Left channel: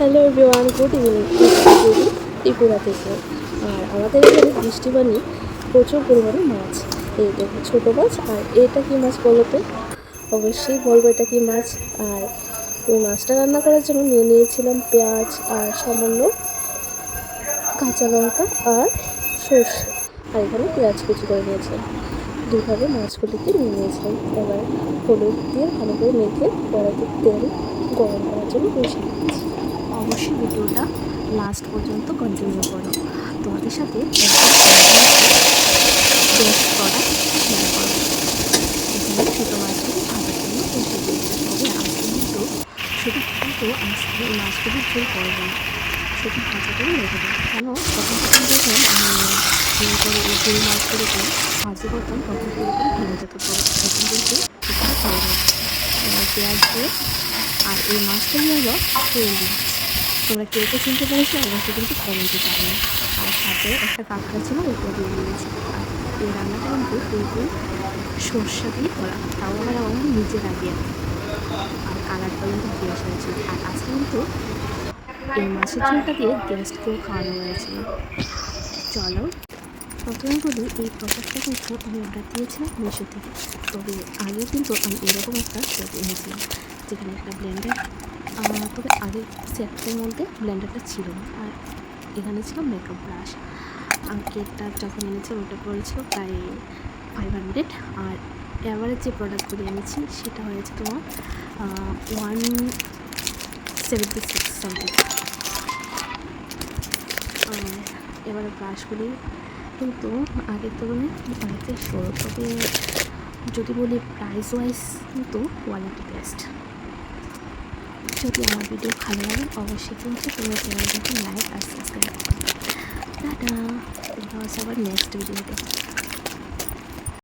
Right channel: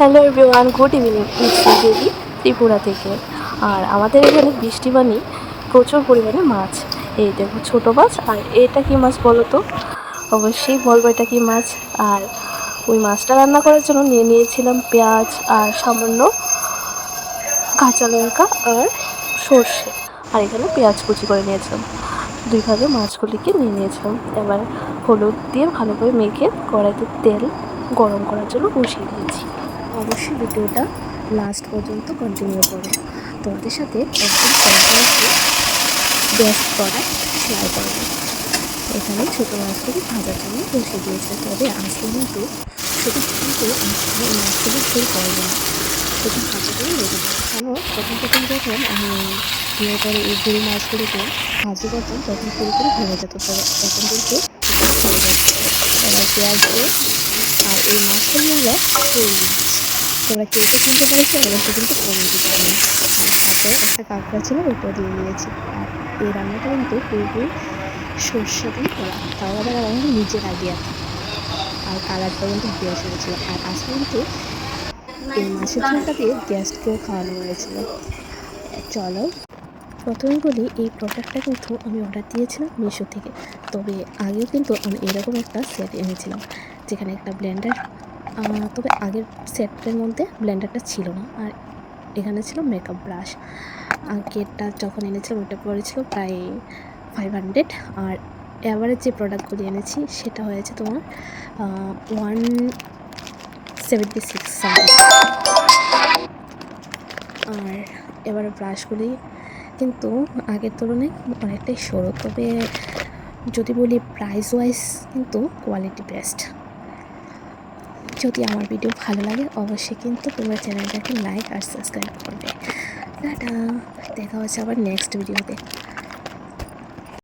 Hello everyone, good evening. It's Devi Tripura থেকে। আর আমাদের এখানে বৃষ্টিবাণী প্রচুর পরিমাণে মাছ। এই দেখো ছোটো মাছ। আর এটা কি মাছ বলো তো? অবশ্যই বলবো এটা কি মাছ। আর ওই মাছটা রান্না করার জন্য নিয়ে নিয়েছিলাম পেঁয়াজ আর সামান্য কাঁচা লঙ্কা আর সর্ষে। আর এখানে পেঁয়াজ কুচি করে নিয়েছিলাম। দুই ভাগে মাছগুলিকে নিয়ে নিয়েছিলাম। এবার হলুদ দিয়ে ভালো করে মেখে কড়াইতে তেল গরম করার জন্য বসিয়ে দিয়েছি। অবশ্যই ভিডিওটা লাস্ট পর্যন্ত কন্টিনিউ করো। তোমাদের সাথে একদম কন্টিনিউসলি বেস্ট করা শেয়ার করবো। এখানে ছোটো মাছগুলি ভাজার জন্য বসে দিয়েছে। তবে আজকে কিন্তু আজকে এই মাছগুলি ঝোল করবো না, সেটা ভাজা করে রেখে দেবো। কেন প্রথম যখন আমি বিয়ে করে এই গুঁড়ো মাছগুলিকে ভাজি করতাম তখন পুরোপুরি ভেঙে যেত। তবে এখন কিন্তু এখানে হয়ে যাচ্ছে। এবার পেঁয়াজ দিয়ে, আর এই মাছগুলি হলো শোল মাছ। তোমরা কেউ কেউ চিনতে পেরেছো, অবশ্যই কিন্তু কমেন্টে জানিও। আর সাথে একটা কাঁকড়া ছিল, ওইটাও দিয়ে নিয়েছি। আর এই রান্নাটা কিন্তু পুরোপুরি সর্ষে দিয়ে করা, তাও আবার আমার নিজের আইডিয়া। আর কালারটা কিন্তু বেশ হয়েছিল। আর আজকে কিন্তু এই মাছের ঝোলটা দিয়ে গেস্টকেও খাওয়ানো হয়েছিল। চলো প্রথমে বলি, এই প্রোডাক্টটা কিন্তু আমি অর্ডার দিয়েছিলাম মিশো থেকে। তবে আগেও কিন্তু আমি এরকম একটা সেট এনেছিলাম, যেখানে একটা ব্লেন্ডার, তবে আগের সেটের মধ্যে ব্লেন্ডারটা ছিল না। আর এখানে ছিল মেকআপ ব্রাশ। আর কেটটা যখন এনেছিলাম ওটা পড়েছিল প্রায় 500। আর অ্যাভারেজ যে প্রোডাক্টগুলি এনেছি সেটা হয়েছে তোমার 176 সামথিং। আর এবারে ব্রাশগুলি কিন্তু আগের তুলনায় অনেকটাই সরু। তবে যদি বলি প্রাইস ওয়াইজ কিন্তু কোয়ালিটি বেস্ট। যদি আমার ভিডিও ভালো লাগে অবশ্যই কিন্তু তোমরা চ্যানেলটাকে লাইক আর সাবস্ক্রাইব করবে। টাটা, দেখা হচ্ছে আবার নেক্সট ভিডিওতে।